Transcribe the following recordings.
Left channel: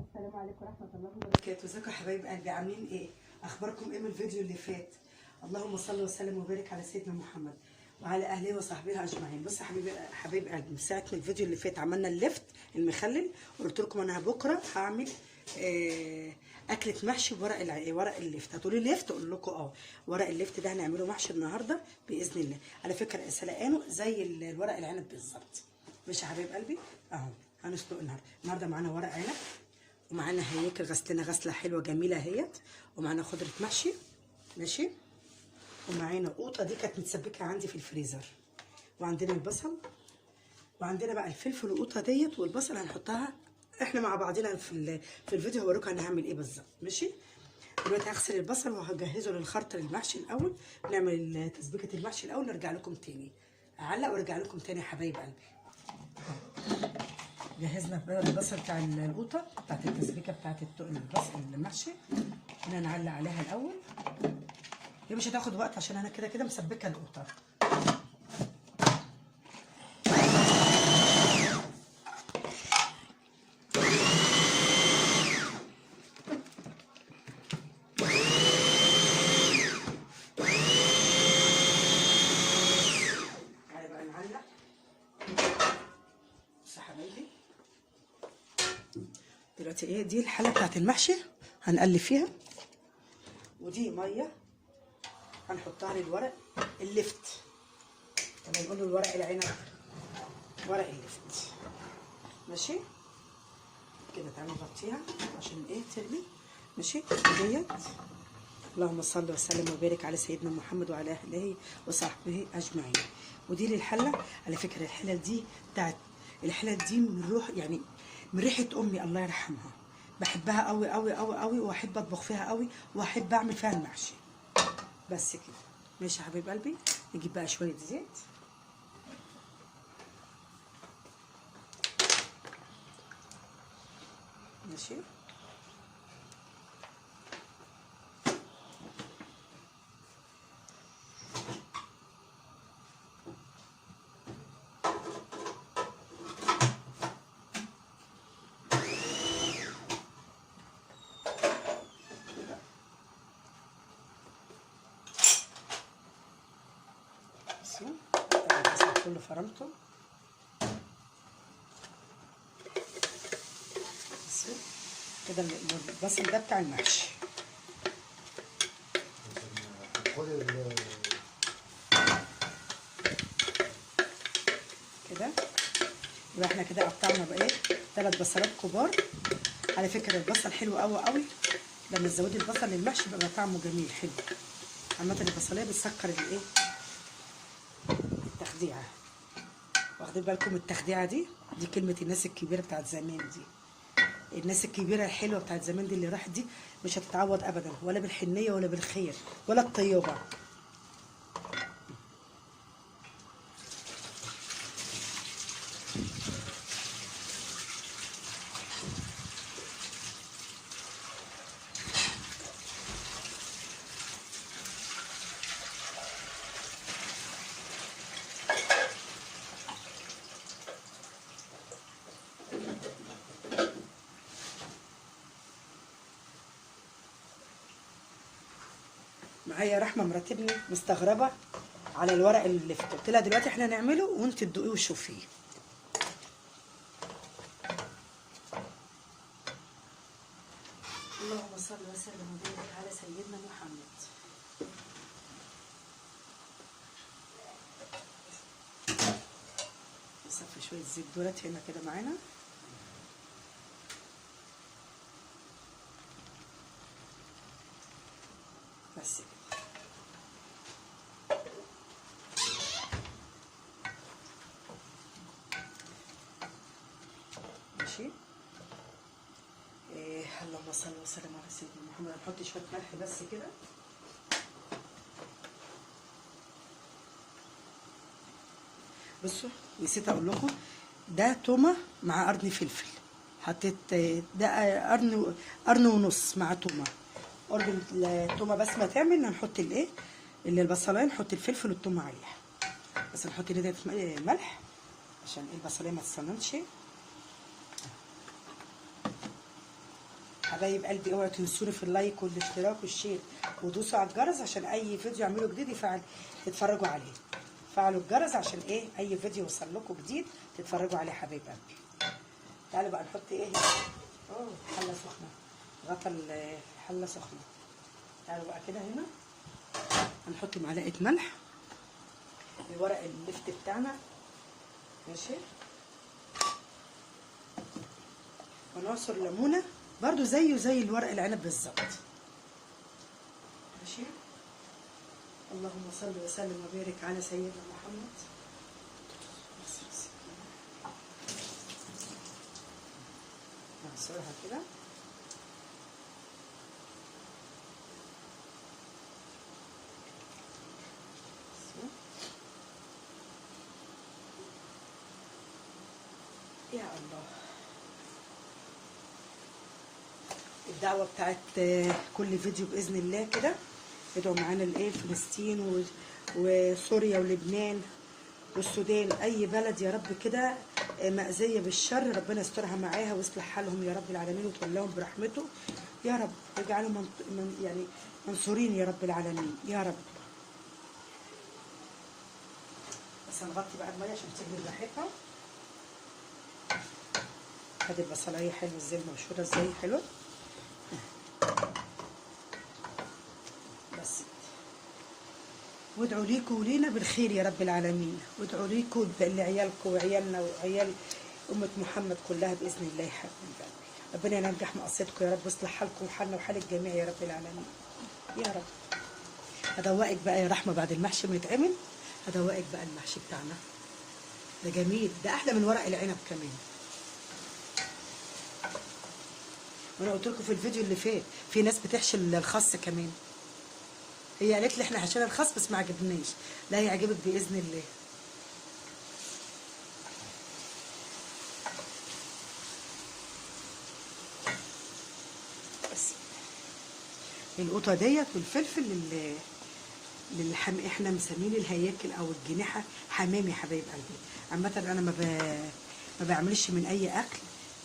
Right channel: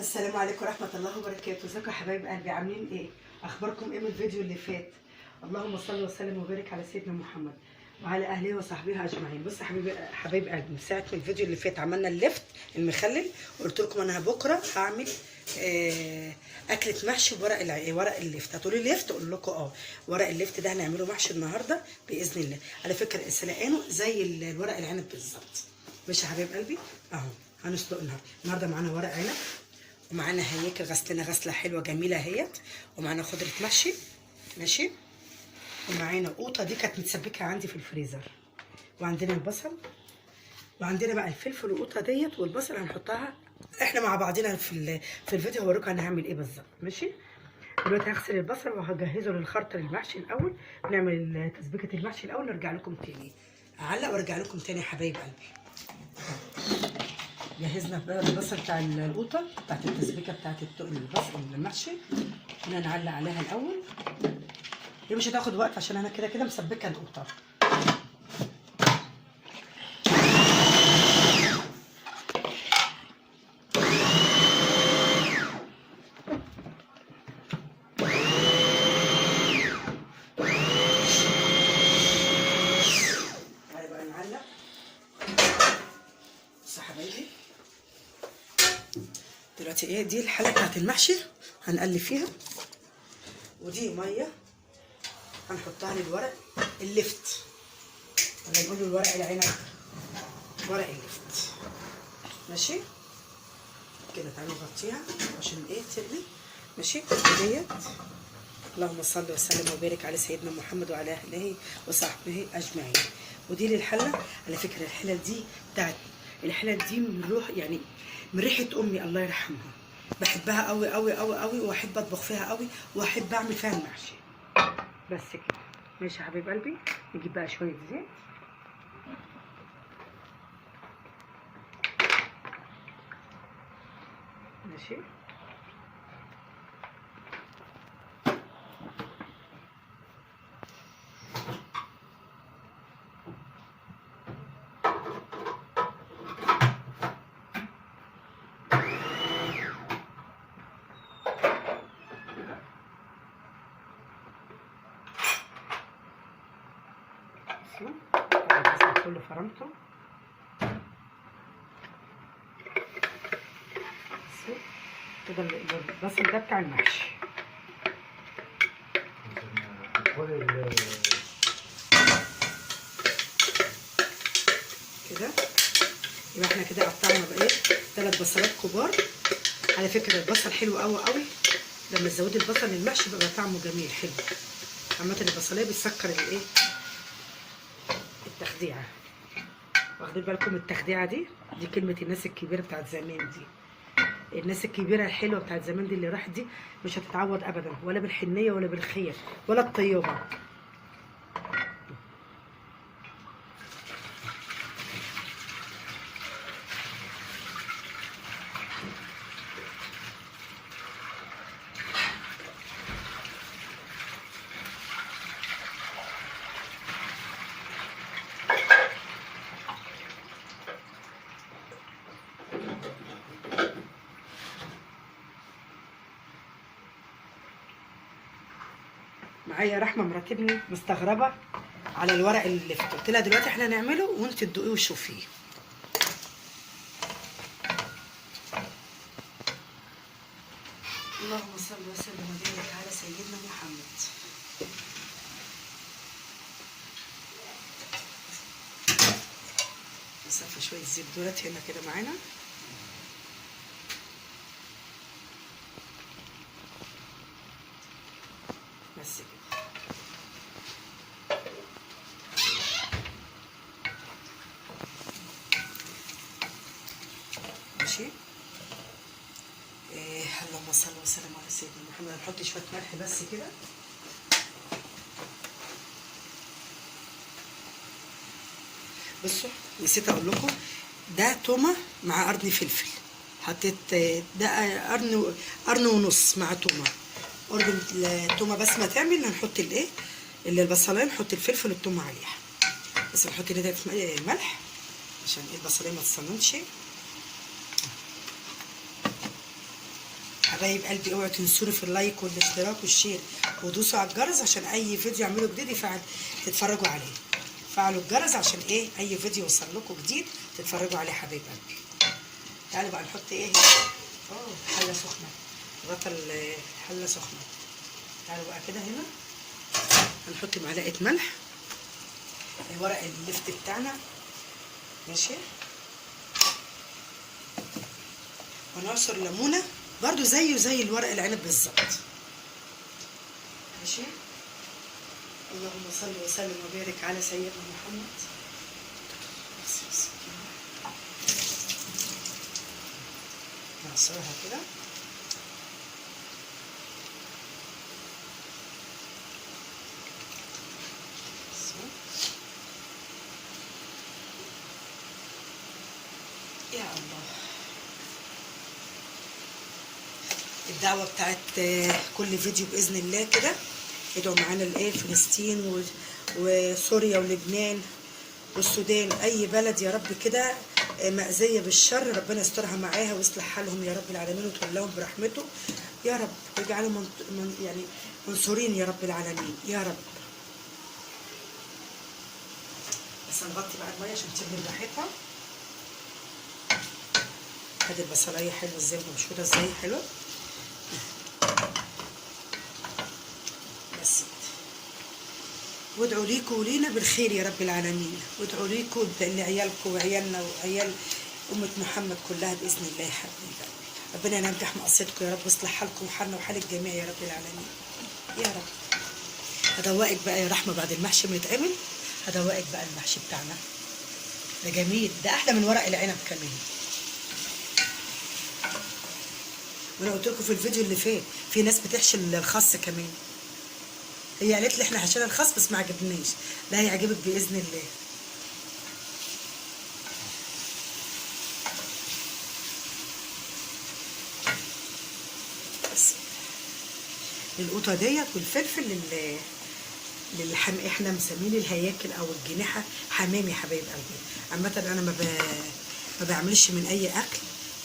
السلام عليكم ورحمة الله وبركاته. ازيكم يا حبايب قلبي؟ عاملين ايه؟ اخباركم ايه من الفيديو اللي فات؟ اللهم صل وسلم وبارك على سيدنا محمد وعلى اهله وصحبه اجمعين. بصوا يا حبايب قلبي، من ساعة من الفيديو اللي فات عملنا اللفت المخلل، وقلت لكم انا بكره هعمل اكلة محشي ورق اللفت. هتقولوا لي لفت؟ اقول لكم ورق اللفت ده هنعمله محشي النهارده باذن الله. على فكرة سلقانه زي الورق العنب بالظبط. ماشي يا حبايب قلبي؟ اهو هنسلق النهارده معانا ورق عنب، ومعانا هياكل غسلنا غسله حلوه جميله اهيت، ومعانا خضره محشي ماشي، ومعانا قوطه دي كانت متسبكه عندي في الفريزر، وعندنا البصل، وعندنا بقى الفلفل والقوطه ديت والبصل هنحطها احنا مع بعضنا في الفيديو. هوريكم هنعمل ايه بالظبط. ماشي، دلوقتي هغسل البصل وهجهزه للخلطه للمحشي الاول. نعمل تسبيكه المحشي الاول، نرجع لكم تاني، اعلق وارجع لكم تاني يا حبايب قلبي. جهزنا البصل بتاع القوطه بتاعت التسبيكه بتاعت البصل المحشي، هنا نعلق عليها الاول. دي مش هتاخد وقت عشان انا كده كده مسبكه القوطه. تعالى بقى نعلق. بصوا يا حبايبي، دلوقتي ايه دي الحله بتاعت المحشي هنقلب فيها، ودي ميه هنحطها للورق اللفت، ولا نقول له الورق العنب، ورق اللفت. ماشي كده، تعالوا نغطيها عشان ايه تغلي. ماشي ديت. اللهم صل وسلم وبارك على سيدنا محمد وعلى اهله وصحبه اجمعين. ودي للحله. على فكره الحله دي من روح، يعني من ريحه امي الله يرحمها، بحبها قوي قوي قوي قوي، واحب اطبخ فيها قوي، واحب اعمل فيها المحشي. بس كده. ماشي يا حبيب قلبي، نجيب بقى شويه زيت. ماشي، كله فرمته. كده البصل ده بتاع المحشي. كده يبقى احنا كده قطعنا بقى ايه 3 بصلات كبار. على فكره البصل حلو قوي قوي، لما تزودي البصل للمحشي بيبقى طعمه جميل حلو. عامه البصليه بتسكر الايه التخديعه. واخدين بالكم التخديعه دي كلمه الناس الكبيره بتاعت زمان دي. الناس الكبيره الحلوه بتاعت زمان دي اللي راحت دي مش هتتعوض ابدا، ولا بالحنيه ولا بالخير ولا الطيبه. معايا رحمه مراتبني مستغربه على الورق اللي لفت، قلت لها دلوقتي احنا هنعمله وانت تدوقيه وشوفيه. اللهم صل وسلم وبارك على سيدنا محمد. نصفي شويه زيت دولت هنا كده معانا. بس كده. ماشي. اللهم صل وسلم على سيدنا محمد. هنحط شويه ملح بس كده. بصوا نسيت اقول لكم، ده تومه مع قرن فلفل. حطيت ده قرن ونص مع تومه. قرن التومه بس ما تعمل هنحط الايه اللي البصلايه، نحط الفلفل والتومه عليها. بس نحط هنا ملح عشان البصلايه ما تصننش. حبايب قلبي اوعوا تنسوني في اللايك والاشتراك والشير، ودوسوا على الجرس عشان اي فيديو اعمله جديد تتفرجوا عليه. فعلوا الجرس عشان ايه اي فيديو يوصل لكم جديد تتفرجوا عليه حبايب قلبي. تعالوا بقى نحط ايه. حله سخنه، غطا الحله سخنه. تعالوا بقى كده هنا هنحط معلقه ملح، ورق اللفت بتاعنا ماشي، ونعصر ليمونه برضو زيه زي الورق العنب بالظبط ماشي. اللهم صل وسلم وبارك على سيدنا محمد. نعصرها كده يا الله. الدعوه بتاعت كل فيديو باذن الله كده، ادعوا معانا لايه فلسطين وسوريا ولبنان والسودان، اي بلد يا رب كده مأذيه بالشر، ربنا يسترها معاها ويصلح حالهم يا رب العالمين ويتولاهم برحمته يا رب، ويجعلهم يعني منصورين يا رب العالمين يا رب. بس هنغطي بقى الميه عشان تشم ريحتها. ادي البصلايه حلوه ازاي، مبشوره ازاي حلوه. بس وادعوا ليكم ولينا بالخير يا رب العالمين، وادعوا ليكم لعيالكم وعيالنا وعيال أمة محمد كلها بإذن الله يا حبيبي. ربنا ينجح مقصدكم يا رب، ويصلح حالكم وحالنا وحال الجميع يا رب العالمين يا رب. هدوقك بقى يا رحمة بعد المحشي ما يتعمل، هدوقك بقى المحشي بتاعنا ده جميل، ده أحلى من ورق العنب كمان. وأنا قلت لكم في الفيديو اللي فات في ناس بتحشي الخس كمان، هي قالت لي احنا حشينا الخس بس ما عجبناش، لا هيعجبك باذن الله. بس القطه ديت والفلفل احنا مسمين الهياكل او الجناحه حمام يا حبايب قلبي. عامه انا ما بعملش من اي اكل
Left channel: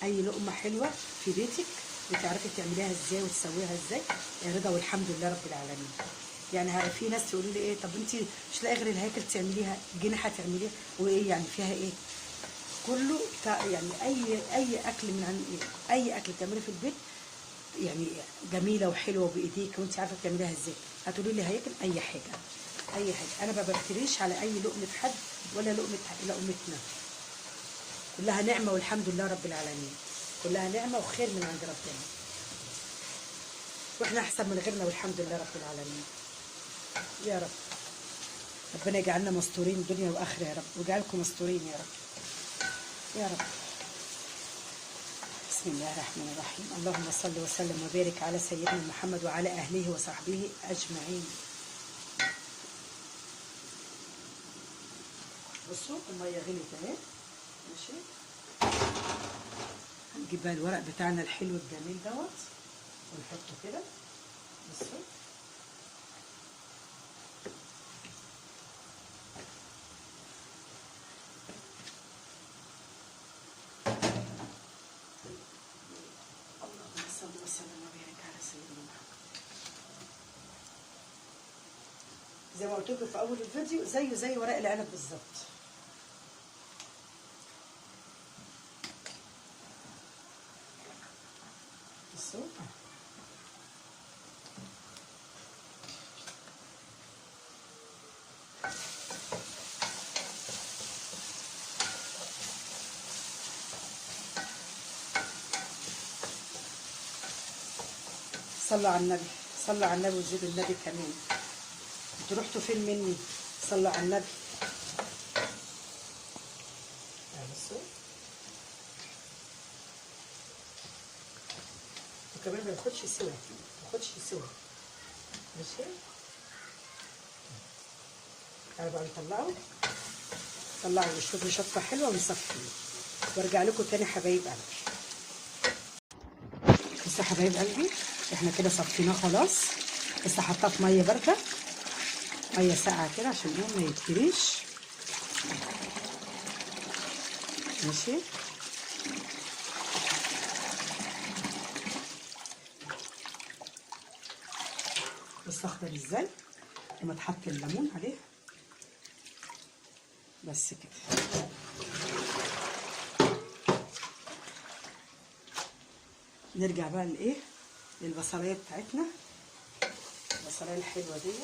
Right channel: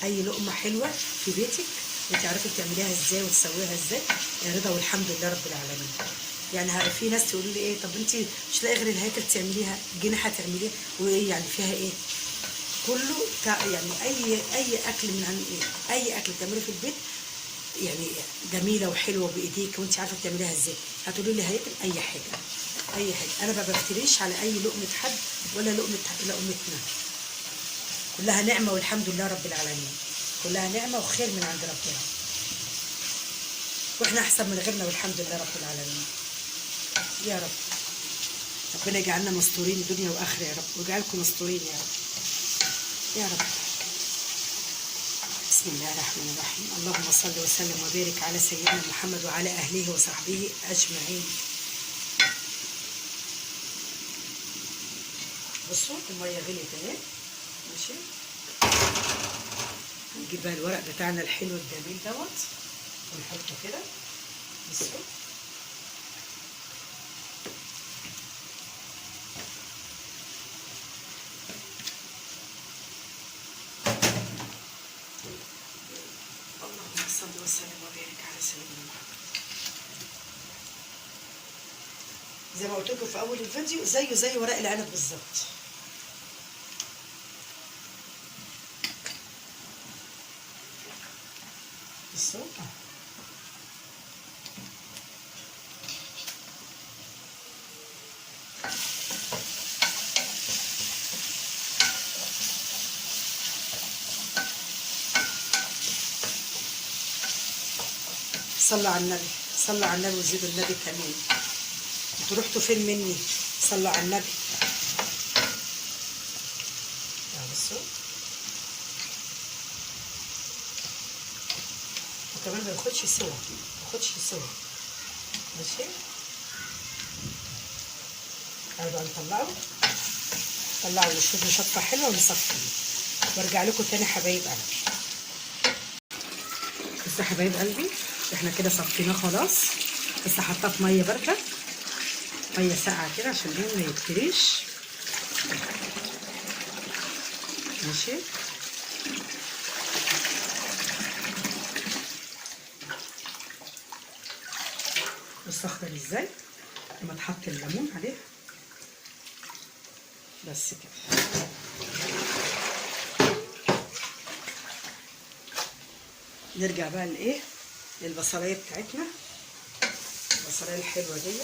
اي لقمه حلوه في بيتك وتعرفي تعمليها ازاي وتسويها ازاي، رضا والحمد لله رب العالمين. يعني في ناس تقول لي ايه، طب انت مش لاقي غير الهياكل تعمليها، جناحه تعمليها، وايه يعني فيها ايه؟ كله يعني اي اكل من عن ايه، اي اكل تعمله في البيت يعني جميله وحلوه بايديك وانت عارفه تعمليها ازاي. هتقولي لي هياكل اي حاجه اي حاجه، انا ما بفتريش على اي لقمه حد ولا لقمتنا، كلها نعمه والحمد لله رب العالمين، كلها نعمه وخير من عند ربنا، واحنا احسن من غيرنا والحمد لله رب العالمين يا رب. ربنا يجعلنا مستورين دنيا واخره يا رب، ويجعلكم مستورين يا رب يا رب. بسم الله الرحمن الرحيم. اللهم صل وسلم وبارك على سيدنا محمد وعلى اهله وصحبه اجمعين. بصوا الميه غليت اهي ماشي. هنجيب بقى الورق بتاعنا الحلو الجميل دوت ونحطه كده. بصوا صلى وسلم وبارك على سيدنا محمد. زي ما قلت لكم في اول الفيديو زيه زي ورق العنب بالظبط. بصوا صلوا على النبي، صلوا على النبي وزيدوا النبي كمان. انتوا رحتوا فين مني؟ صلوا على النبي. بصوا وكمان ما ياخدش سوا، ما ياخدش سوا ماشي. تعالوا بقى نطلعه ونشربوا شطه حلوه ونصفي وارجع لكم تاني حبايب قلبي. بس حبايب قلبي احنا كده صفيناه خلاص، بس حطاه في ميه بارده، ميه ساقعه كده عشان ما يتهريش ماشي. بص اخضر ازاي لما تحط الليمون عليه. بس كده. نرجع بقى لايه، للبصلايه بتاعتنا، البصلايه الحلوه ديت.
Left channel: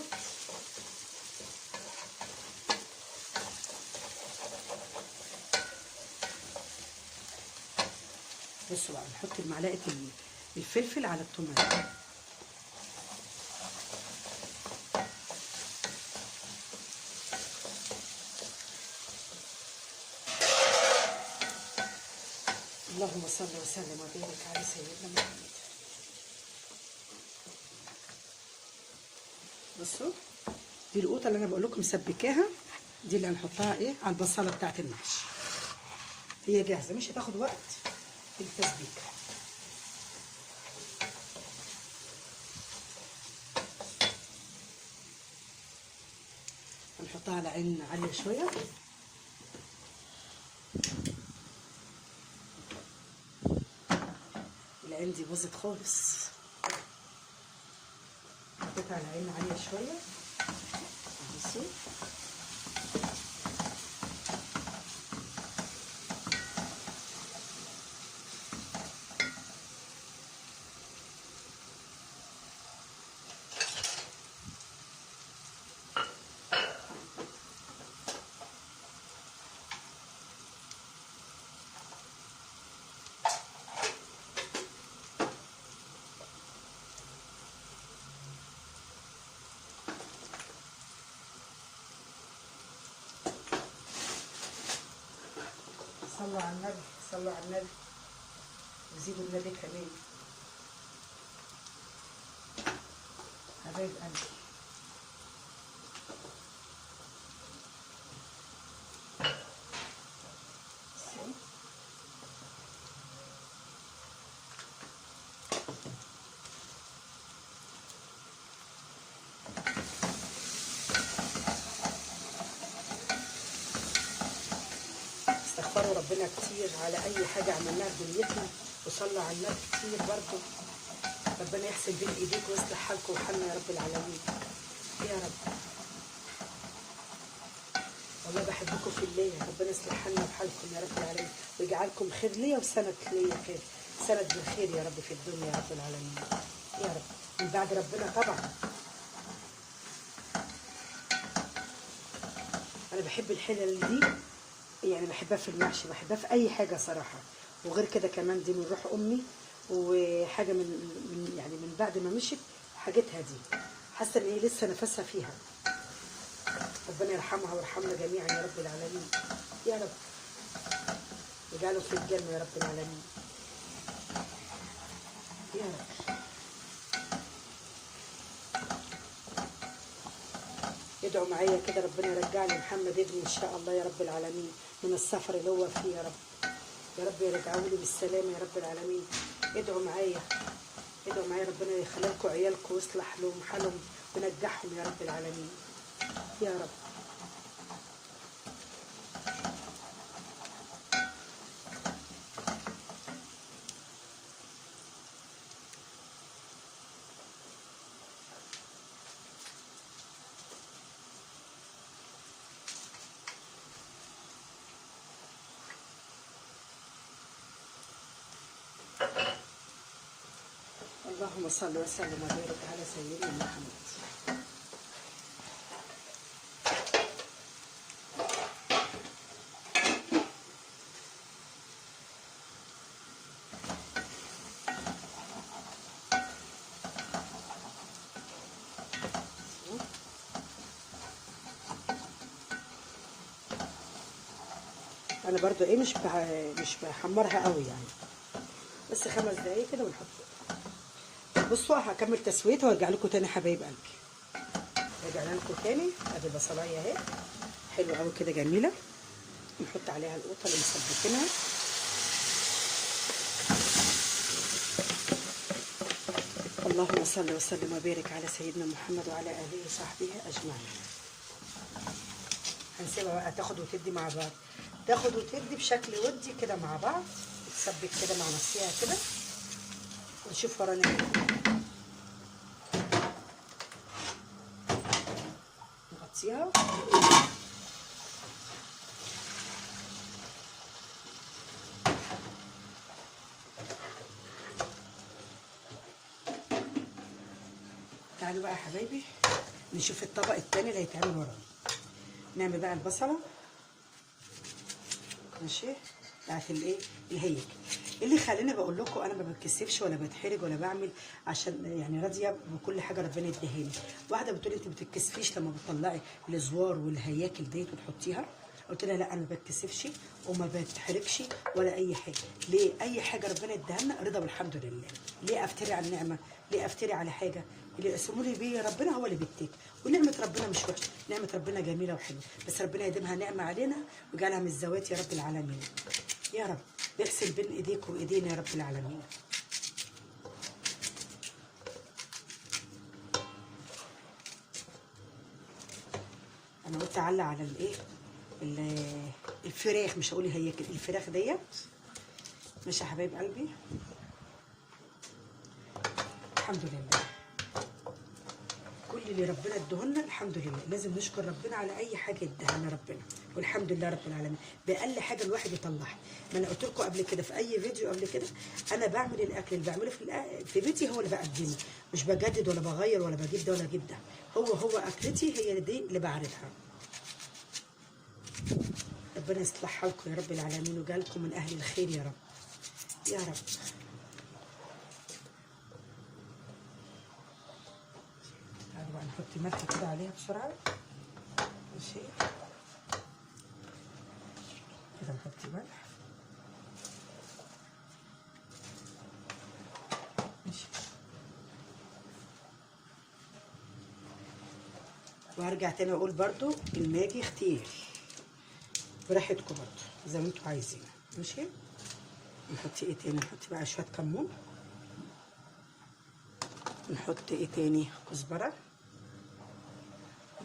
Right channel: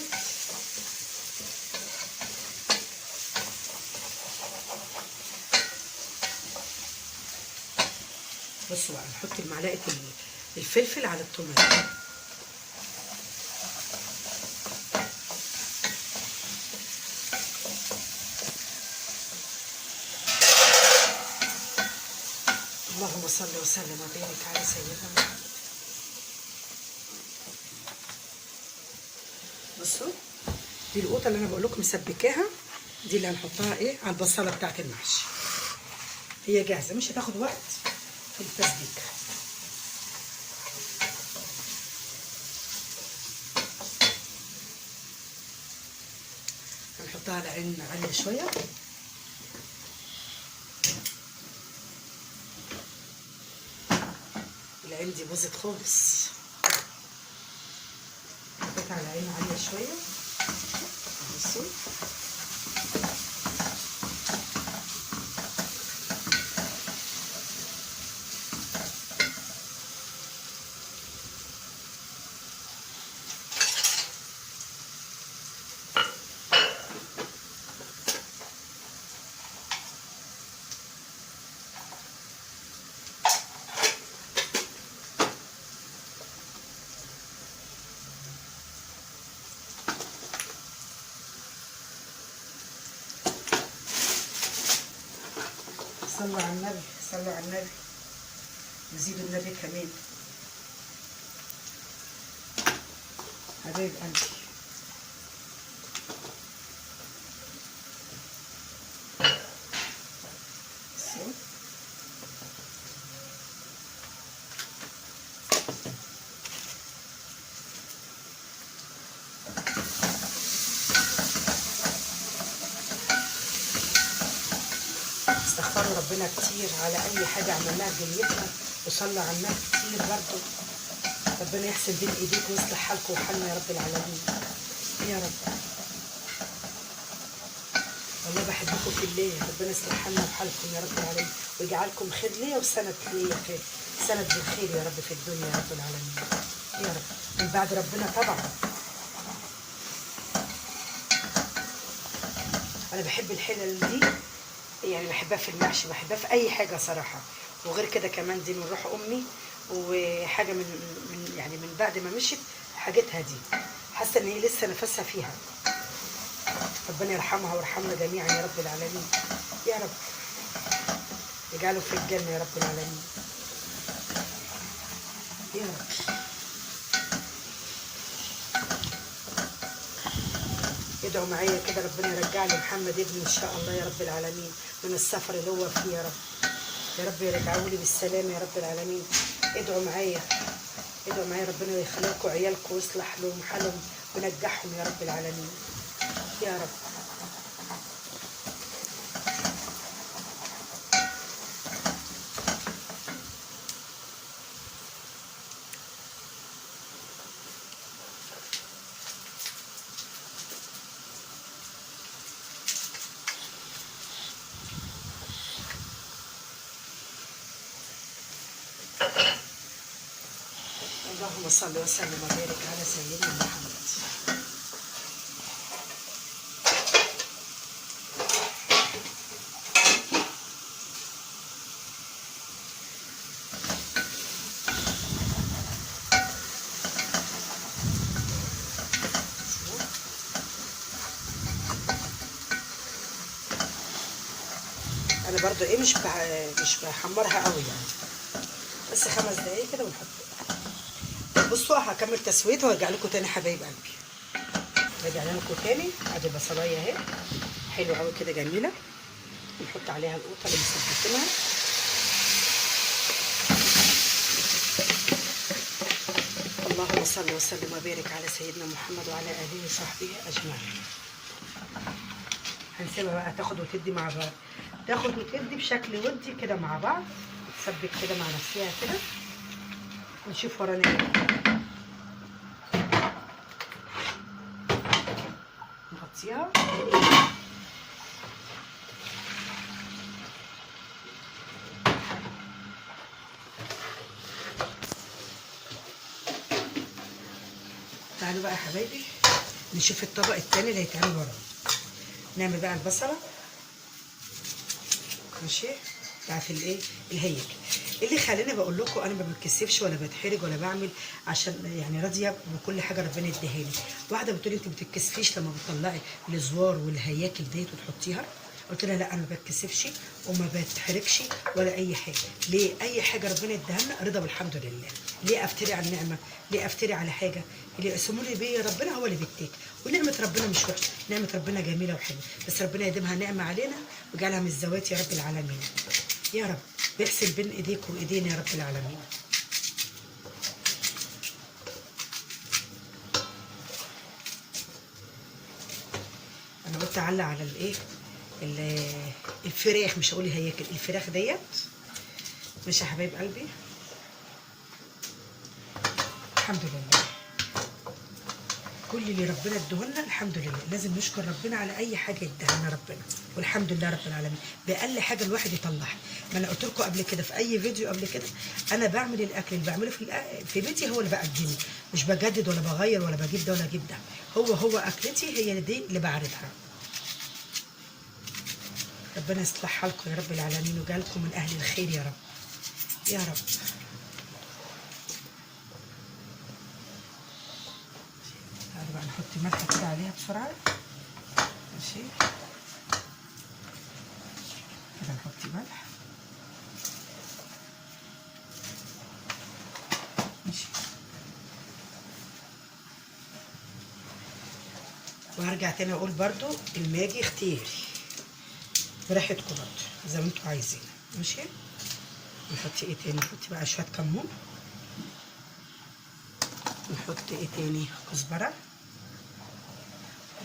بصوا بقى نحط معلقه الفلفل على الطماطم. اللهم صل وسلم وبارك على سيدنا محمد. بصوا دي القوطه اللي انا بقول لكم مسبكاها، دي اللي هنحطها ايه على البصله بتاعت المحشي. هي جاهزه مش هتاخد وقت في التسبيك. هنحطها على عين عاليه شويه. العين دي باظت خالص. حطيتها على عين عاليه شويه. بصوا صلوا على النبي، صلوا على النبي، وزيدوا النبي كمان. حبيب قلبي استغفروا ربنا كتير على اي حاجه عملناها في دنيتنا، وصلوا على النبي كتير برضه. ربنا يحسن بين ايديك ويصلح حالكم وحالنا يا رب العالمين يا رب. والله بحبكم في الله، ربنا يصلح حالنا وحالكم يا رب العالمين، ويجعلكم خير ليا وسند ليا خير، سند بالخير يا رب في الدنيا يا رب العالمين يا رب، من بعد ربنا طبعا. انا بحب الحلل دي، يعني بحبها في المحشي، بحبها في اي حاجه صراحه. وغير كده كمان دي من روح امي، وحاجه من يعني من بعد ما مشيت حاجتها دي حاسه ان هي لسه نفسها فيها. ربنا يرحمها ويرحمنا جميعا يا رب العالمين يا رب، يجعله في الجنه يا رب العالمين يا رب. ادعوا معايا كده ربنا يرجع لي محمد ابني ان شاء الله يا رب العالمين من السفر اللي هو فيه يا رب. يا رب يرجعوا لي بالسلامه يا رب العالمين. ادعوا معايا، ادعوا معايا ربنا يخلي لكم عيالكم ويصلح لهم حالهم وينجحهم يا رب العالمين يا رب. اللهم صل وسلم وبارك على سيدنا محمد. انا برضو ايه مش بحمرها قوي يعني، بس 5 دقايق كده ونحطها. بصوا هكمل تسويتها وارجع لكم تاني حبايب قلبي. رجعنا لكم تاني. ادي البصلايه اهي حلوه قوي كده جميله. نحط عليها القوطه اللي مسبكينها. اللهم صل وسلم وبارك على سيدنا محمد وعلى اله وصحبه اجمعين. هنسيبها بقى تاخد وتدي مع بعض، تاخد وتدي بشكل ودي كده مع بعض، تسبك كده مع نفسها كده، ونشوف ورانا ايه. تحطيها. تعالوا بقى يا حبايبي نشوف الطبق التاني اللي هيتعمل ورا. نعمل بقى البصله، ماشي، بتاعت الايه الهيك. اللي خليني بقول لكم انا ما بتكسفش ولا بتحرج ولا بعمل، عشان يعني راضيه بكل حاجه ربنا اديهاني. واحده بتقولي انت ما بتتكسفيش لما بتطلعي الزوار والهياكل ديت وتحطيها؟ قلت لها لا انا ما بتكسفش وما بتحرجش ولا اي حاجه. ليه؟ اي حاجه ربنا اداها لنا رضا بالحمد لله. ليه افتري على النعمه؟ ليه افتري على حاجه؟ اللي يقسموا لي بيه ربنا هو اللي بيديك، ونعمه ربنا مش وحشه، نعمه ربنا جميله وحلوه، بس ربنا يديمها نعمه علينا ويجعلها من الزوات يا رب العالمين. يا رب يغسل بين ايديكم وايدينا يا رب العالمين. انا قلت اعلق على الايه الفراخ، مش هقول هياكل الفراخ ديت. ماشي يا حبايب قلبي، الحمد لله كل اللي ربنا ادهولنا الحمد لله. لازم نشكر ربنا على اي حاجه اداها ربنا، والحمد لله رب العالمين باقل حاجه الواحد يطلعها. ما انا قلت لكم قبل كده في اي فيديو قبل كده، انا بعمل الاكل اللي بعمله في بيتي هو اللي بقدمه، مش بجدد ولا بغير ولا بجيب ده ولا اجيب ده. هو اكلتي هي دي اللي بعرضها. ربنا يصلح حالكم يا رب العالمين ويجعلكم من اهل الخير يا رب يا رب. تعالوا بقى نحط ملح كده عليها بسرعه، ماشي كده نحط ملح، ماشي. وهرجع تاني اقول برضو الماجي اختياري براحتكم برضو زي ما انتوا عايزين، ماشي. نحط ايه تاني؟ نحط بقى شويه كمون، نحط ايه تاني؟ كزبره،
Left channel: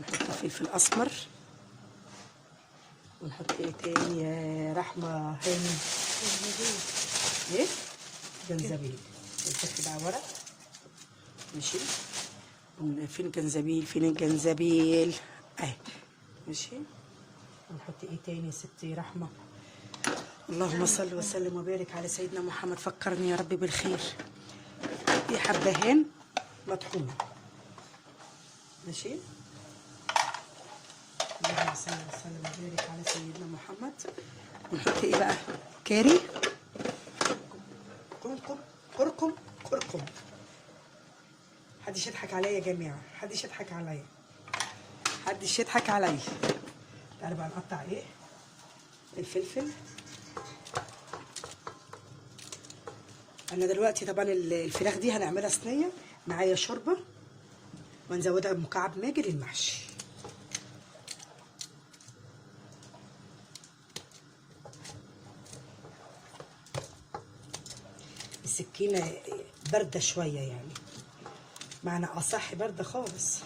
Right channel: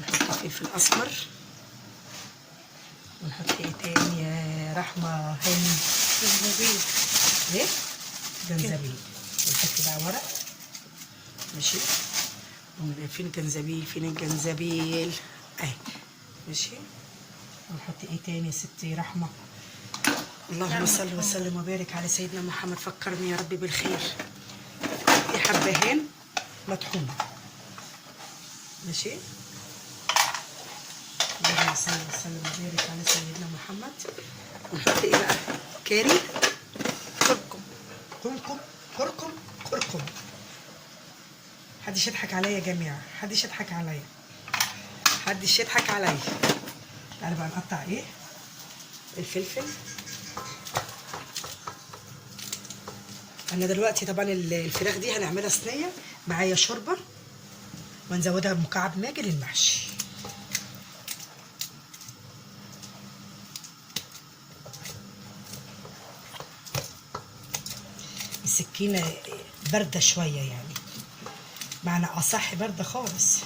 نحط فلفل اسمر، ونحط ايه تاني يا رحمه هاني؟ جنزبيل. ايه؟ جنزبيل. ونحط بقى ورق، ماشي. فين الجنزبيل؟ فين الجنزبيل؟ اهي، ماشي. ونحط ايه تاني يا ستي رحمه؟ اللهم صل وسلم وبارك على سيدنا محمد. فكرني يا رب بالخير. دي حبهان مطحونه، ماشي. اللهم صل وسلم وبارك على سيدنا محمد. ونحط ايه بقى؟ كاري، كركم كركم كركم كركم. محدش يضحك عليا يا جماعه، محدش يضحك عليا، محدش يضحك عليا. تعالوا بقى نقطع ايه؟ الفلفل. انا دلوقتي طبعا الفراخ دي هنعملها صينيه معايا شوربه، ونزودها بمكعب ماجي للمحشي. السكينه بارده شويه يعني، معنى اصح بارده خالص.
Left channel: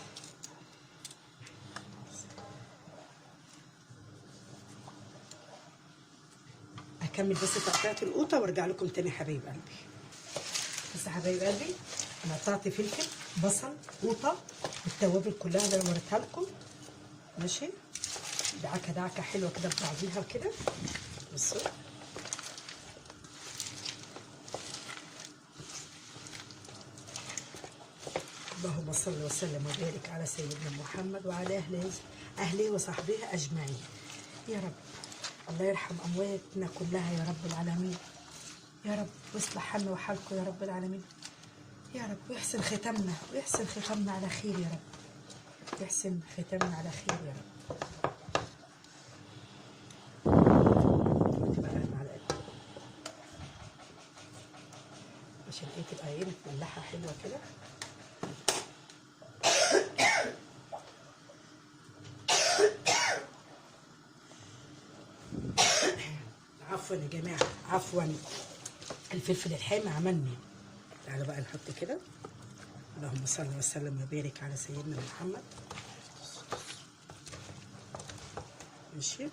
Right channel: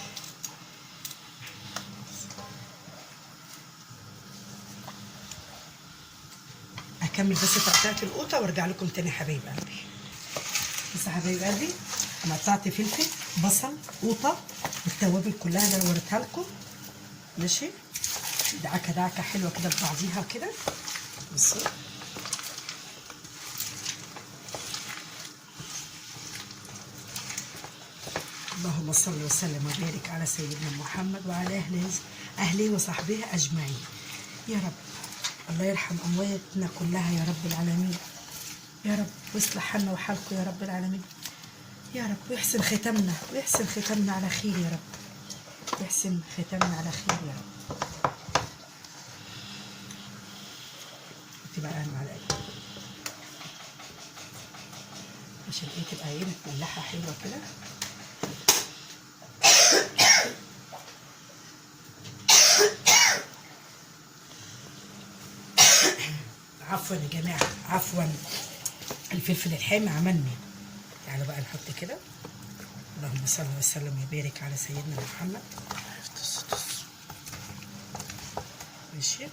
هكمل بس تقطيعه القوطه وارجع لكم تاني يا حبايب قلبي. بس يا حبايب قلبي انا قطعت فلفل، بصل، قوطه، التوابل كلها اللي انا وريتها لكم، ماشي. دعكه دعكه حلوه كده ببعضيها كده. بصوا اللهم صل وسلم وبارك على سيدنا محمد وعلى اهله وصحبه اجمعين. يا رب الله يرحم امواتنا كلها يا رب العالمين يا رب، ويصلح حالنا وحالكم يا رب العالمين يا رب، ويحسن ختامنا ويحسن ختامنا على خير يا رب، ويحسن ختامنا على خير يا رب. دي بقى المعلقه عشان هي تبقى ايه متملحه حلوه كده. عفوا يا جماعه، عفوا، الفلفل الحامي عملني. تعالوا بقى نحط كده. اللهم صل وسلم وبارك على سيدنا محمد. ماشي.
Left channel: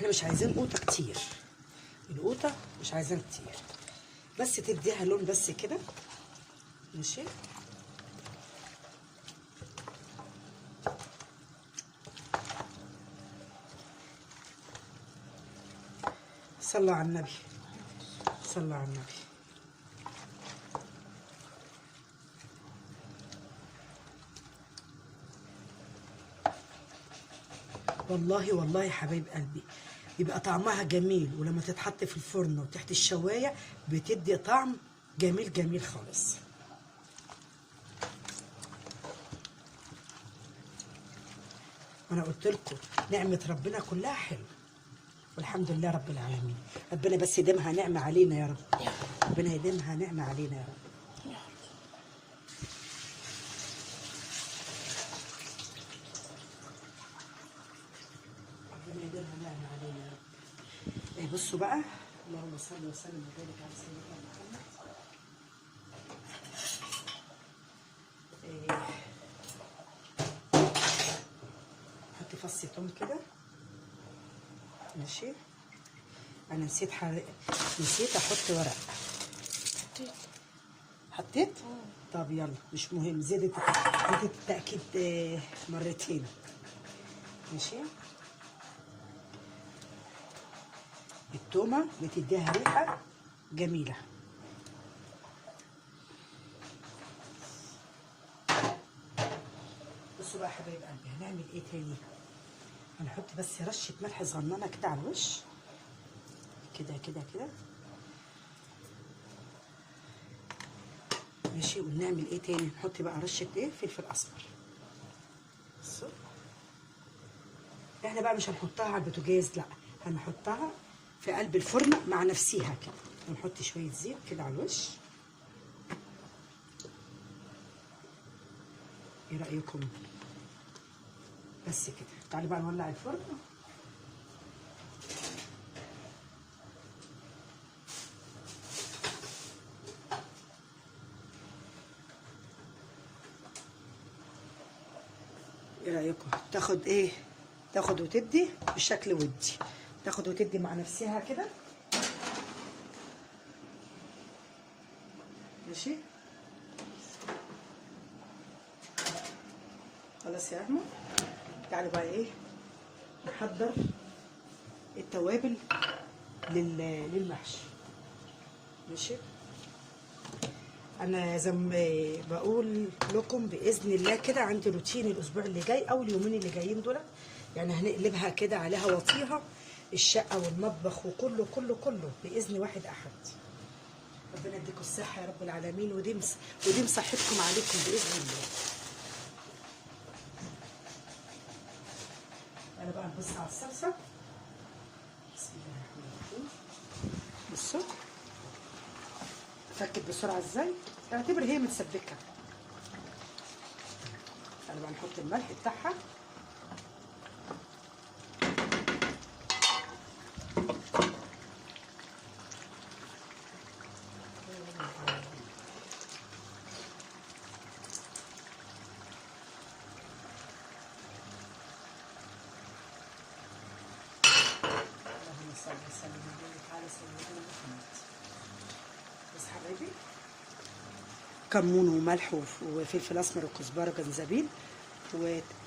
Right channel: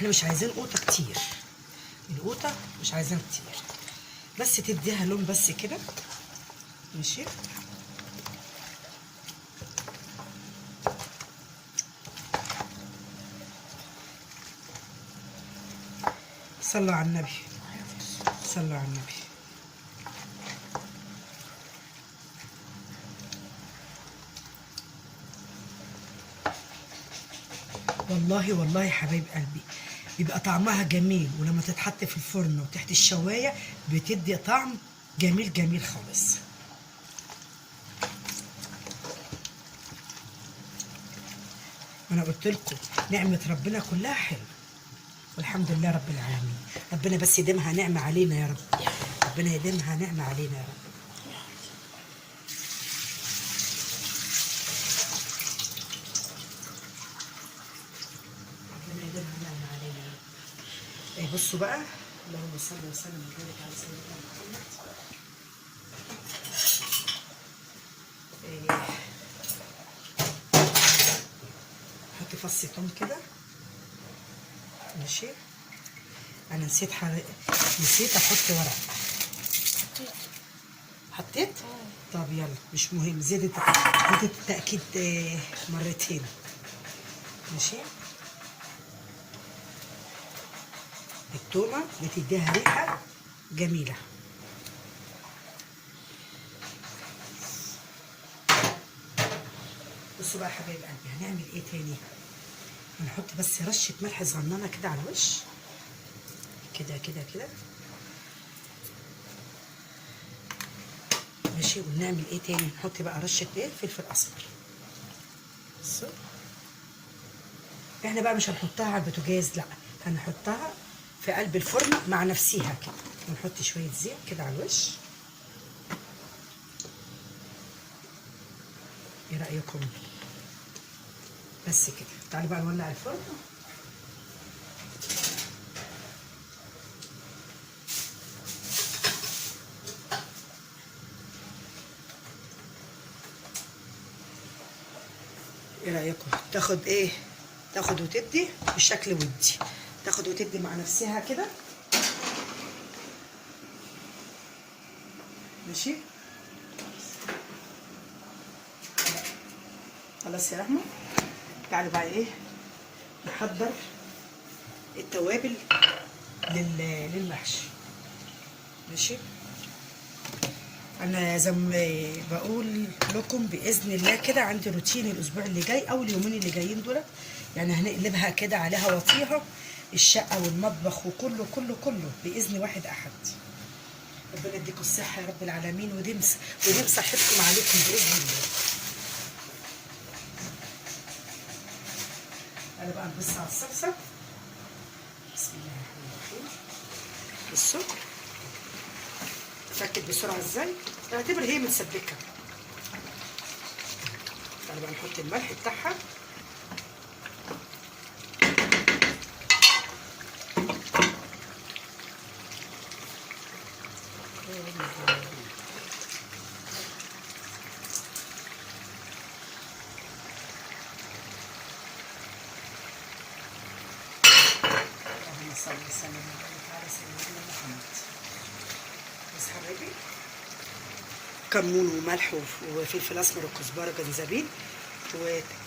احنا مش عايزين قوطه كتير، القوطه مش عايزين كتير، بس تديها لون بس كده. ماشي. صلوا على النبي، صلوا على النبي. والله والله يا حبايب قلبي بيبقى طعمها جميل، ولما تتحط في الفرن وتحت الشوايه بتدي طعم جميل جميل خالص. انا قلت لكم نعمه ربنا كلها حلوه، والحمد لله رب العالمين. ربنا بس يديمها نعمه علينا يا رب، ربنا يديمها نعمه علينا يا رب. ربنا يديمها نعمه علينا يا رب. بصوا بقى، اللهم صل وسلم وبارك على سيدنا محمد. حط فص توم كده. ماشي. انا نسيت احط ورق. حطيت؟ طب يلا مش مهم، زيادة التأكيد مرتين. ماشي. التومة بتديها ريحة جميلة. بصوا بقى يا حبايب قلبي هنعمل ايه تاني؟ هنحط بس رشة ملح صغننة كده على الوش، كده كده كده. ماشي. ونعمل ايه تاني؟ نحط بقى رشة ايه؟ فلفل اسمر. بصوا احنا بقى مش هنحطها على البوتاجاز، لا، هنحطها في قلب الفرن مع نفسيها كده، ونحط شوية زيت كده على الوش. ايه رأيكم؟ بس كده. تعالوا بقى نولع الفرن. ايه رأيكم؟ تاخد ايه؟ تاخد وتدي بشكل ودي، تاخد وتدي مع نفسها كده. ماشي. خلاص يا رحمة. تعالوا بقى ايه نحضر التوابل للمحشي. ماشي. انا زي ما بقول لكم باذن الله كده عندي روتين الاسبوع اللي جاي او اليومين اللي جايين دول، يعني هنقلبها كده عليها وطيها الشقه والمطبخ وكله كله كله باذن واحد احد. ربنا يديكم الصحه يا رب العالمين، وديم صحتكم عليكم باذن الله. انا بقى نبص على الصلصه. بسم الله الرحمن الرحيم. بصوا تفكت بسرعه ازاي، اعتبر هي متسبكه. تعالوا بقى نحط الملح بتاعها. اللهم صل وسلم وبارك على سيدنا محمد. بس حبايبي كمون وملح وفلفل اسمر وكزبره وجنزبيل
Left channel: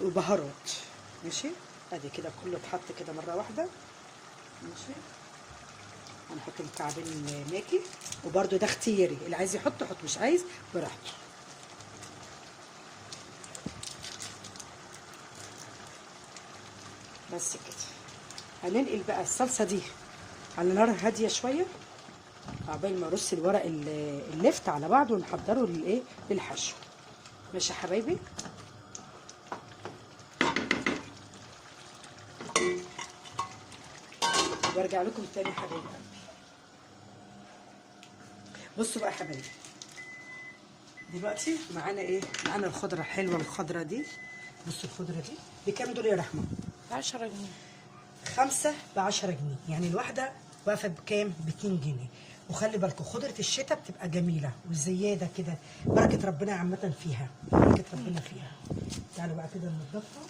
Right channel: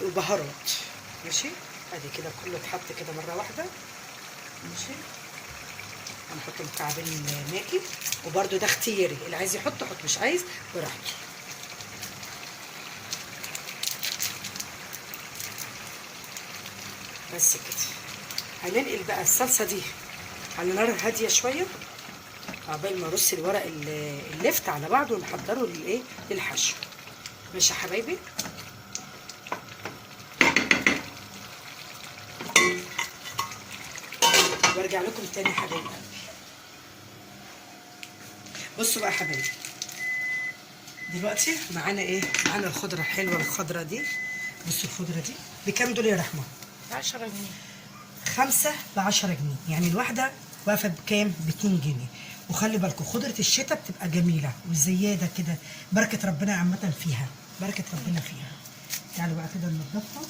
وبهارات. ماشي. ادي كده كله اتحط كده مره واحده. ماشي. هنحط مكعبين ماكي، وبرده ده اختياري، اللي عايز يحط حط، مش عايز براحته. بس كده. هننقل بقى الصلصه دي على نار هاديه شويه عقبال ما ارص الورق اللفت على بعضه ونحضره للايه للحشو. ماشي يا حبايبي. وارجع لكم تاني يا حبايبي. بصوا بقى يا حبايبي دلوقتي معانا ايه؟ معانا الخضره الحلوه الخضره دي. بصوا الخضره دي بكام دول يا رحمه؟ 10 جنيه. 5 ب10 جنيه، يعني الواحده واقفه بكام؟ ب2 جنيه. وخلي بالكم خضره الشتاء بتبقى جميله وزياده كده، بركه ربنا عامه فيها، بركه ربنا فيها. تعالوا بقى كده ننضفها.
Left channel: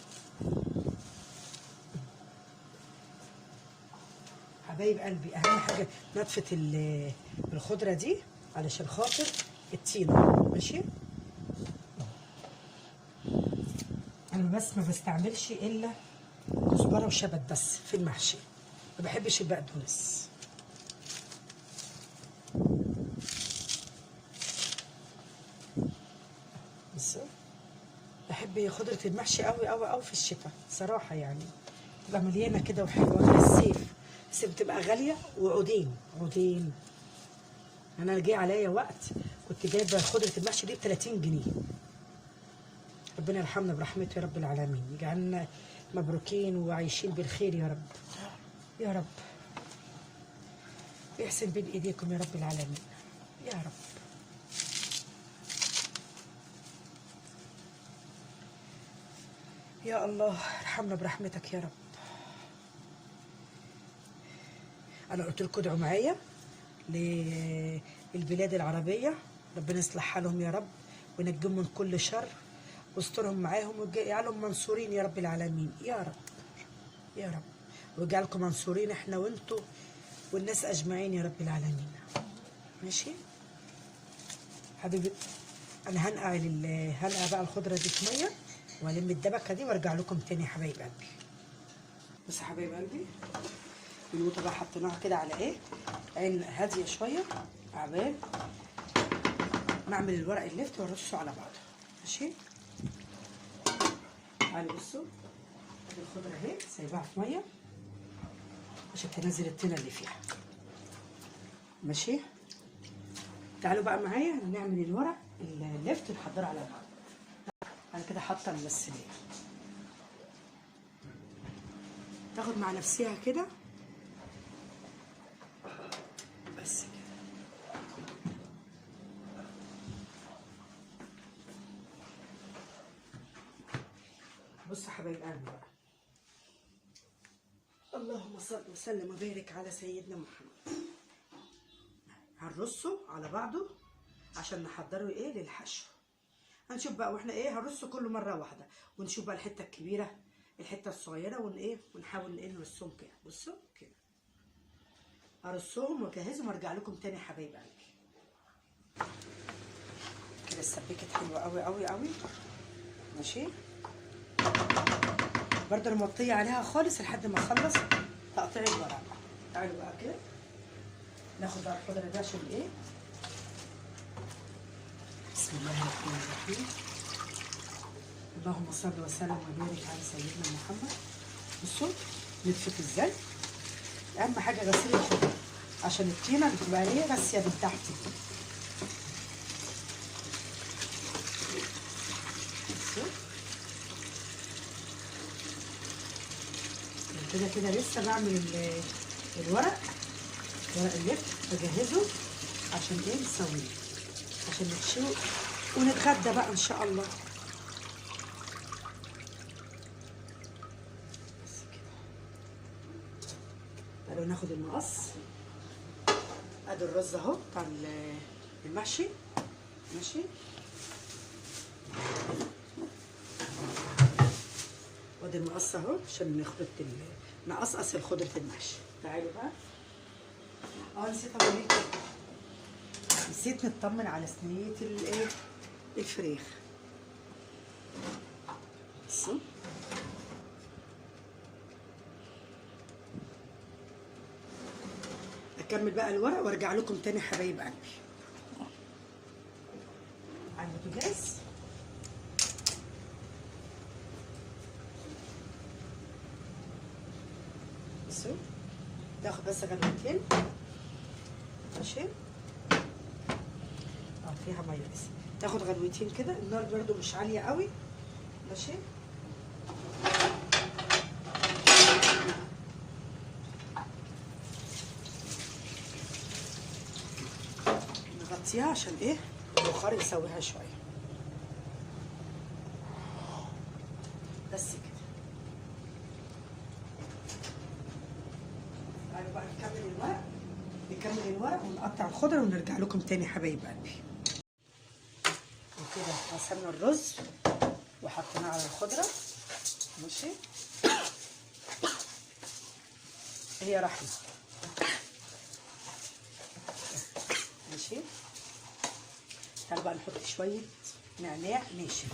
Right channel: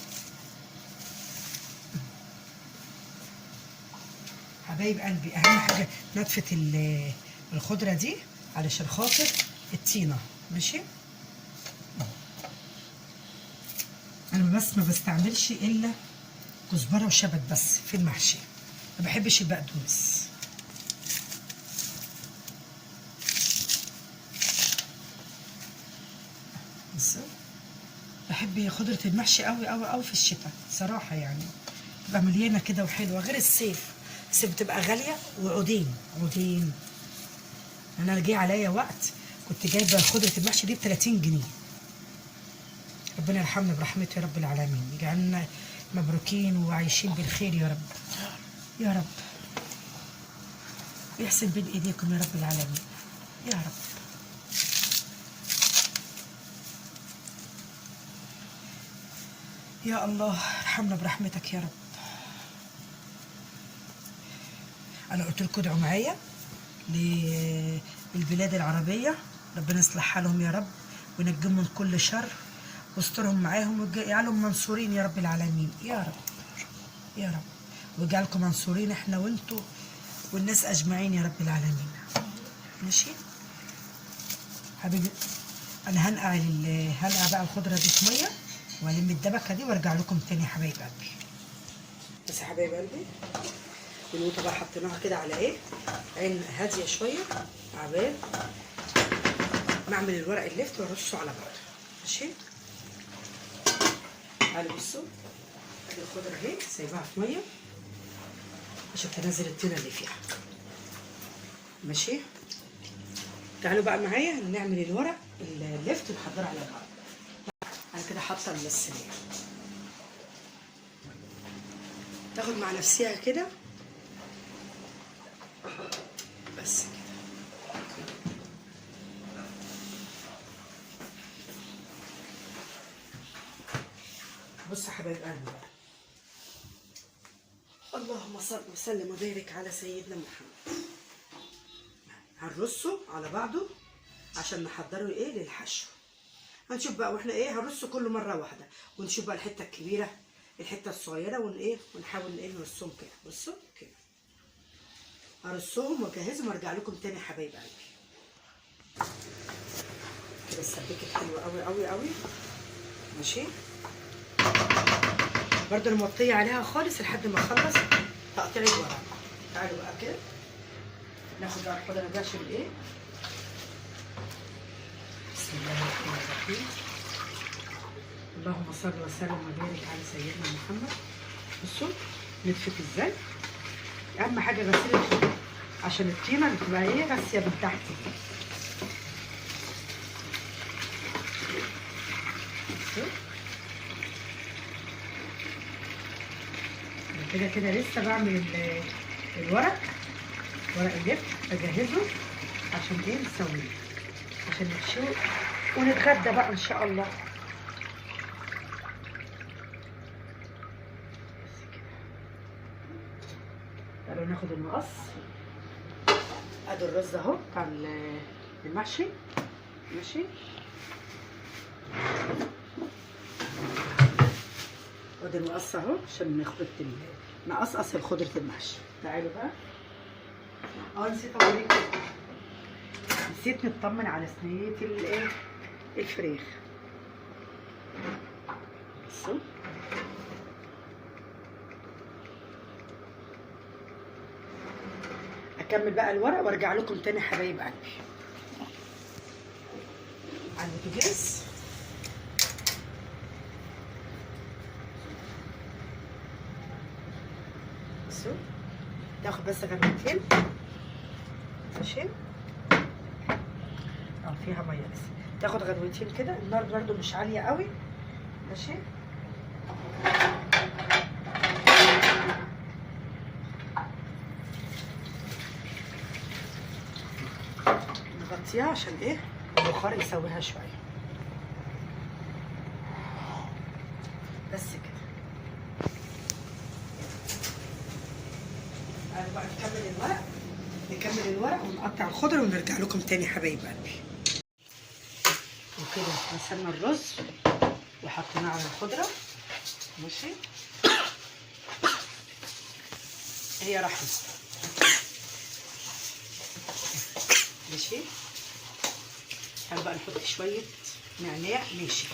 حبايب قلبي اهم حاجه نتفه الخضره دي علشان خاطر الطينه. ماشي، انا بس ما بستعملش الا كزبره وشبت بس في المحشي، ما بحبش البقدونس. بس بحب خضره المحشي قوي قوي قوي في الشتاء صراحه، يعني تبقى مليانه كده وحلوه غير الصيف. الصيف بتبقى غاليه وعودين عودين. انا جه عليا وقت كنت جايبه خضره المحشي دي ب 30 جنيه. ربنا يرحمنا برحمته يا رب العالمين، يجعلنا مبروكين وعايشين بالخير يا رب يا رب. يحسن بين ايديكم يا رب العالمين يا رب. يا الله ارحمنا برحمتك يا رب. انا قلت لكم ادعوا معايا للبلاد العربيه، ربنا يصلح حالهم يا رب وينجيهم من كل شر واسترهم معاهم ويجعلهم منصورين يا رب العالمين يا رب يا رب، ويجعلكم منصورين احنا وانتوا والناس اجمعين يا رب العالمين. ماشي حبيبي، انا هنقع بقى الخضره دي في ميه والم الدبكه دي وارجع لكم تاني يا حبايب قلبي. بس يا حبايب قلبي النقطه بقى حطيناها كده على ايه، عين هاديه شويه عبال ما اعمل الورق اللفت وارصه على بعضه. ماشي، تعالوا بصوا الخضره اهي سايباها في ميه عشان تنزل الطينه اللي فيها. ماشي، تعالوا بقى معايا نعمل الورق اللفت ونحضره على بعض. انا كده حاطه الصينيه تاخد مع نفسها كده بس كده. بص يا حبايب قلبي بقى، اللهم صل وسلم وبارك على سيدنا محمد. هنرصه على بعضه عشان نحضره ايه للحشو. هنشوف بقى واحنا ايه هنرصه كله مره واحده، ونشوف بقى الحته الكبيره الحته الصغيره ونحاول ايه نرصهم كده. بصوا كده هرصهم واجهزهم وارجع لكم تاني يا حبايب قلبي. كده اتسبكت حلوه قوي قوي قوي. ماشي، برضه انا موطيه عليها خالص لحد ما اخلص تقطيع الورق. تعالوا بقى كده ناخد بقى الخضره دي عشان ايه. بسم الله الرحمن الرحيم، اللهم صل وسلم وبارك على سيدنا محمد. بصوا نتفت ازاي، اهم حاجه غسيل الخضره عشان الطينه اللي بتبقى ايه راسيه من تحت دي. كده كده لسه بعمل الورق اللفت بجهزه عشان ايه نسويه عشان نحشيه ونتغدى بقى ان شاء الله. بس كده تعالوا ناخد المقص. ادي الرز اهو بتاع المحشي. ماشي، وادي المقص اهو عشان نقصقص خضره المحشي. تعالوا بقى نسيت اقول لكم، نسيت نطمن على صينيه الفراخ. بصوا اكمل بقى الورق وارجع لكم تاني يا حبايب قلبي. على البوتاجاز بصوا تاخد بس غلوتين. ماشي، فيها ميه بس تاخد غلوتين كده. النار برده مش عاليه قوي. ماشي، نغطيها عشان ايه البخار يسويها شويه. بس كده تعالوا بقى نكمل الورق ونقطع الخضره ونرجع لكم تاني حبايب قلبي. وكده غسلنا الرز وحطيناه على الخضره. ماشي، هي رحمه ماشي. تعالوا بقى نحط شويه نعناع ناشف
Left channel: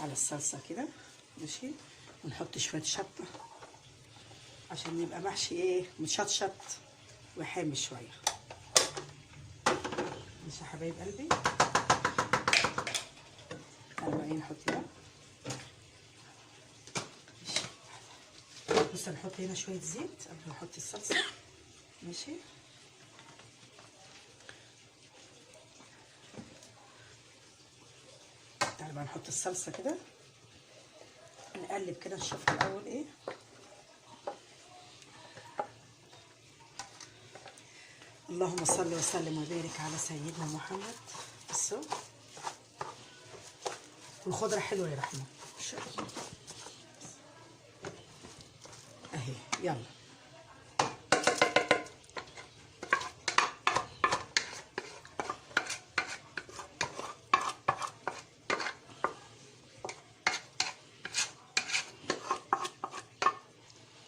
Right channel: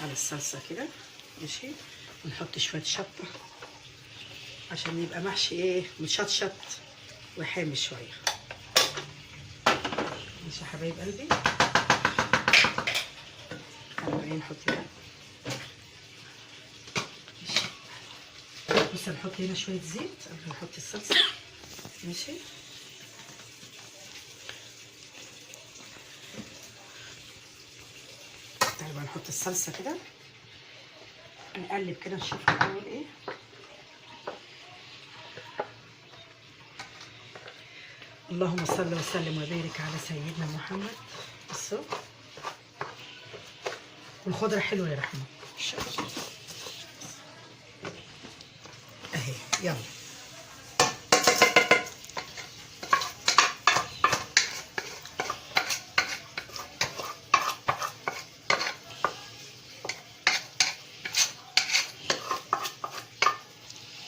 على الصلصه كده، ماشي. ونحط شويه شطه عشان يبقى محشي ايه، مشطشط وحامي شويه. ماشي يا حبايب قلبي. تعالوا بقى نحط ده. ماشي. بص هنحط هنا شويه زيت قبل ما نحط الصلصه، ماشي. تعالوا بقى نحط الصلصه كده، نقلب كده نشوف الاول ايه. اللهم صل وسلم وبارك على سيدنا محمد. بصوا والخضره حلوه يا رحمه اهي. يلا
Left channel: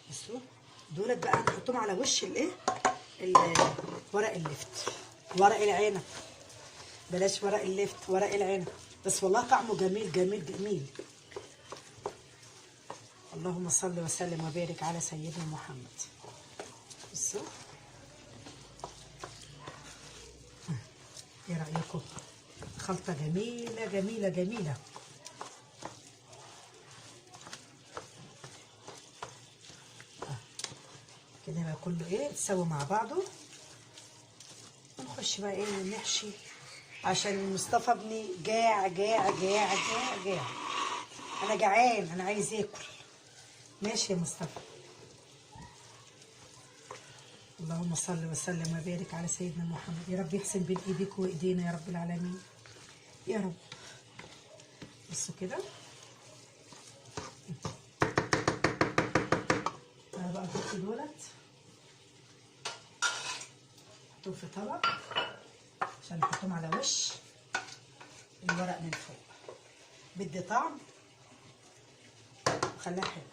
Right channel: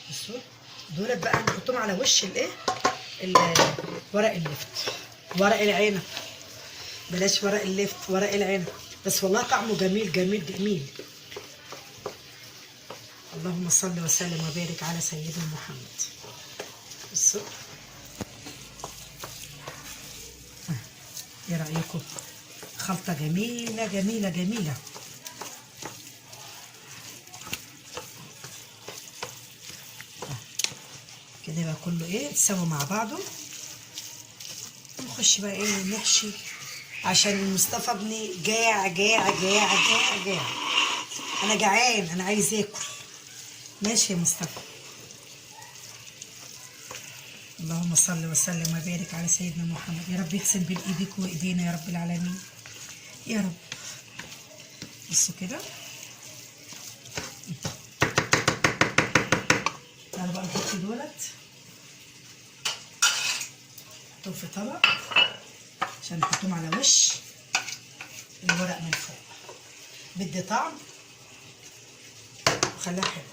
بصوا دول بقى هنحطهم على وش الايه، ورق اللفت، ورق العنب. بلاش ورق اللفت، ورق العنب. بس والله طعمه جميل جميل جميل. اللهم صل وسلم وبارك على سيدنا محمد. بصوا ايه رأيكم؟ خلطة جميلة جميلة جميلة. كده بقى كله ايه اتسوى مع بعضه. نخش بقى ايه نحشي، عشان مصطفى ابني جاع جاع جاع جاع جاع. انا جعان، انا عايز اكل. ماشي يا مصطفى. اللهم صل وسلم وبارك على سيدنا محمد. يا رب يحسن بين ايديك وايدينا يا رب العالمين يا رب. بصوا كده. تعالوا بقى نحط دولت، نحطهم في طبق عشان نحطهم على وش الورق من فوق. بدي طعم وخليها حلوه.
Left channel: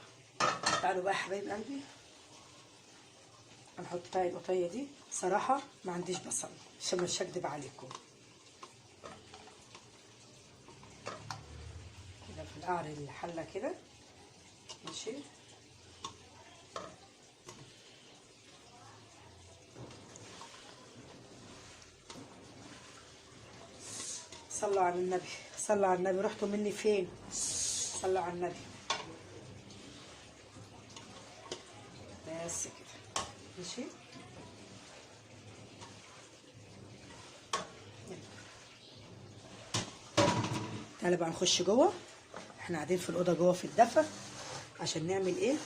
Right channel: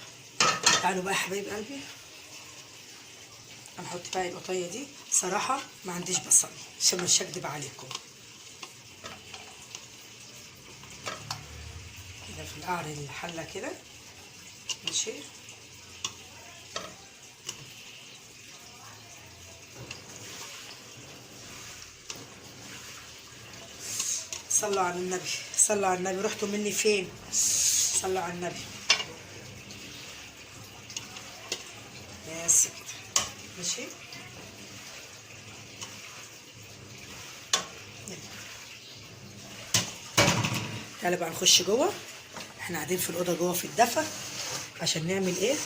تعالوا بقى يا حبايب قلبي هنحط بقى القطيه دي. صراحه ما عنديش بصل عشان مش هكدب عليكم. كده في القعر الحله كده، ماشي. صلوا على النبي، صلوا على النبي. رحتوا مني فين؟ صلوا على النبي. بس كده ماشي. تعالوا بقى نخش جوه. احنا قاعدين في الاوضه جوه في الدفا عشان نعمل ايه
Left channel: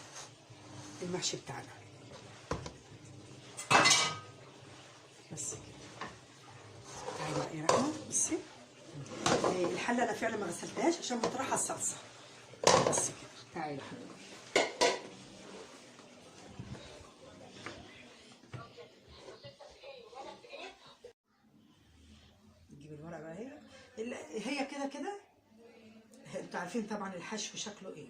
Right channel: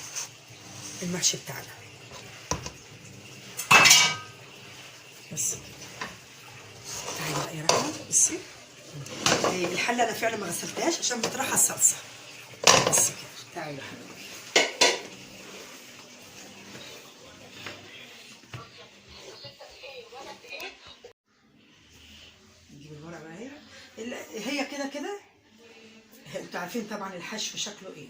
المحشي بتاعنا. بس تعالي بقى يا رحمه. بصي الحله انا فعلا ما غسلتهاش عشان بطرحها الصلصه. بس كده. تعالي يا حبيبي. نجيب الورق بقى اهي. هي كده كده انتوا عارفين طبعا الحشو شكله ايه.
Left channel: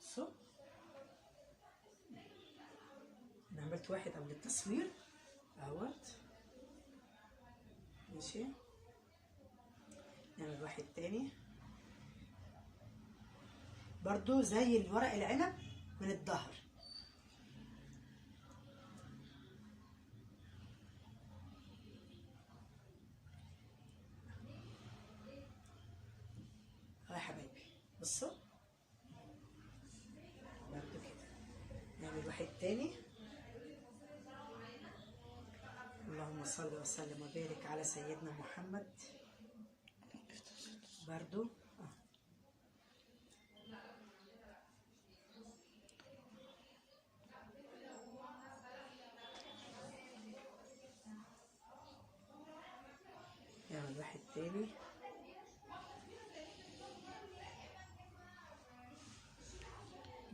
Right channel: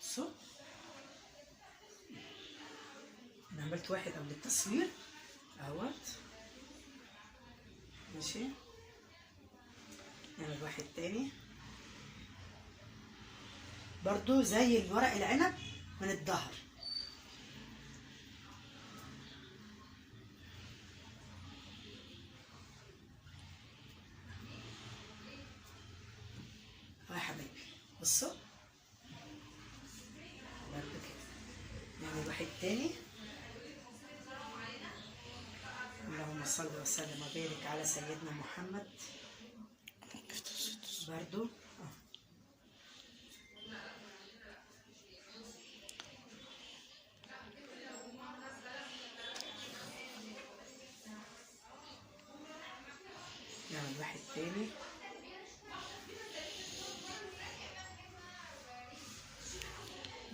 بصوا انا عملت واحد قبل التصوير اهوت، ماشي. نعمل واحد تاني برضو زي الورق العنب من الظهر. يا حبايبي بصوا نعمل واحد تاني. اللهم صل وسلم وبارك على سيدنا محمد. برضو نعمل واحد تاني.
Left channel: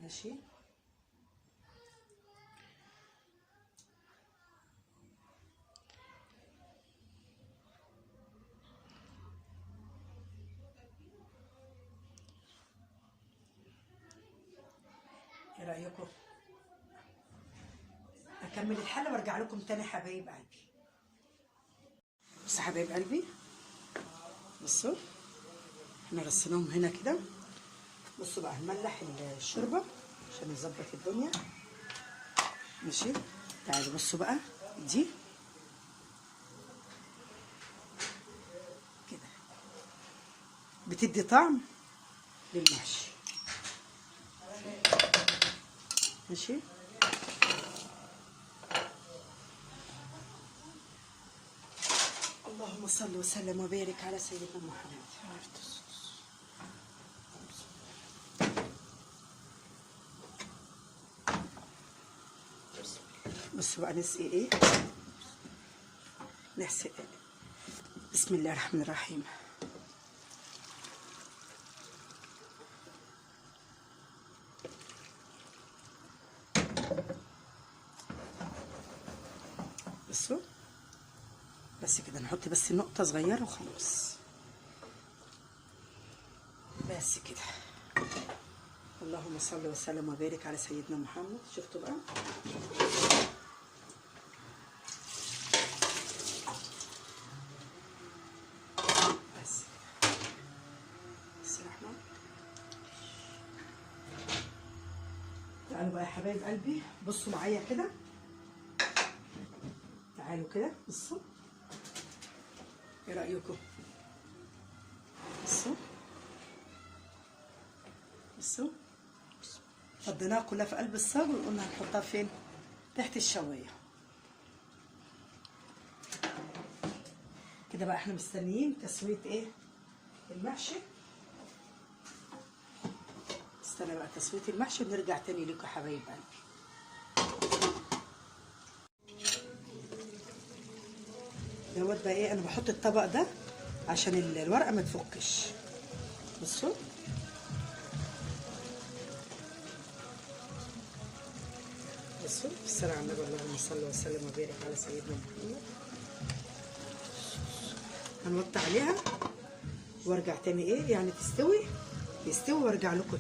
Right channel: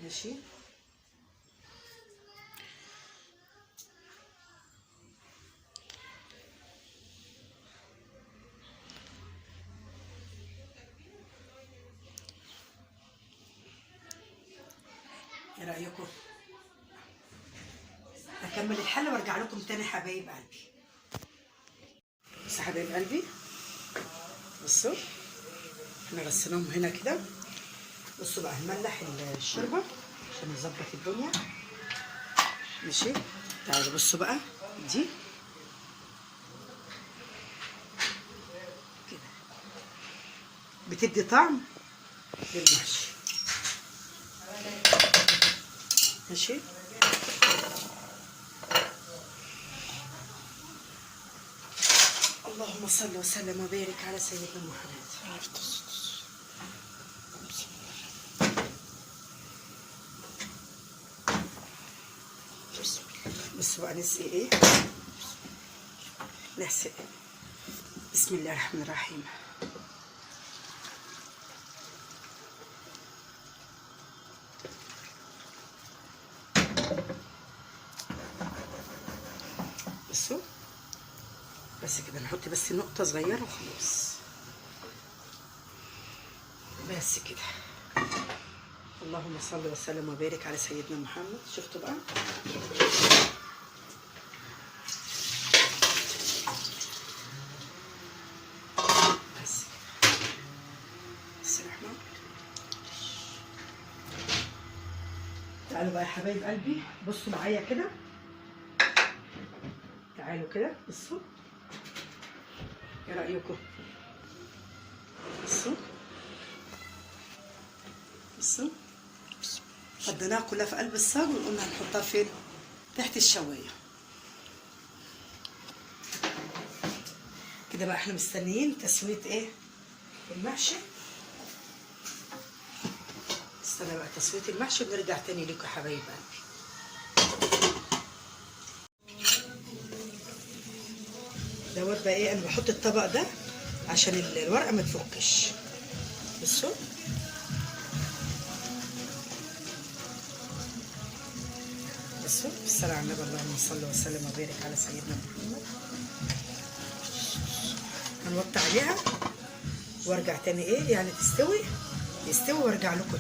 ماشي. اعمل الحله وارجع لكم تاني حبايب قلبي. بس حبايب قلبي بصوا احنا غسلناهم هنا كده. بصوا بقى هنملح الشوربه عشان نظبط الدنيا. ماشي تعالوا بصوا بقى دي كده بتدي طعم للمحشي. ماشي اللهم صل وسلم وبارك على سيدنا محمد. بصوا بقى نسقي ايه، نحسق. بسم الله الرحمن الرحيم. بصوا بس كده نحط بس نقطة صغيرة وخلاص. بس كده. اللهم صل وسلم وبارك على سيدنا محمد. شفتوا بقى بس كده. بس الرحمن. تعالوا بقى يا حبايب قلبي بصوا معايا كده. تعالوا كده بصوا ايه رأيكم؟ بصوا بصوا فضيناها كلها في قلب الصاج وقلنا هنحطها فين؟ تحت الشوايه كده. بقى احنا مستنيين تسويه ايه؟ المحشي. استنى بقى تسويه المحشي ونرجع تاني لكم يا حبايب قلبي. دوت بقى ايه، انا بحط الطبق ده عشان الورقه ما تفكش. بصوا بصوا بالصلاه على النبي. اللهم صل وسلم وبارك على سيدنا محمد. هنوطي عليها وارجع تاني ايه يعني يستوي وارجع لكم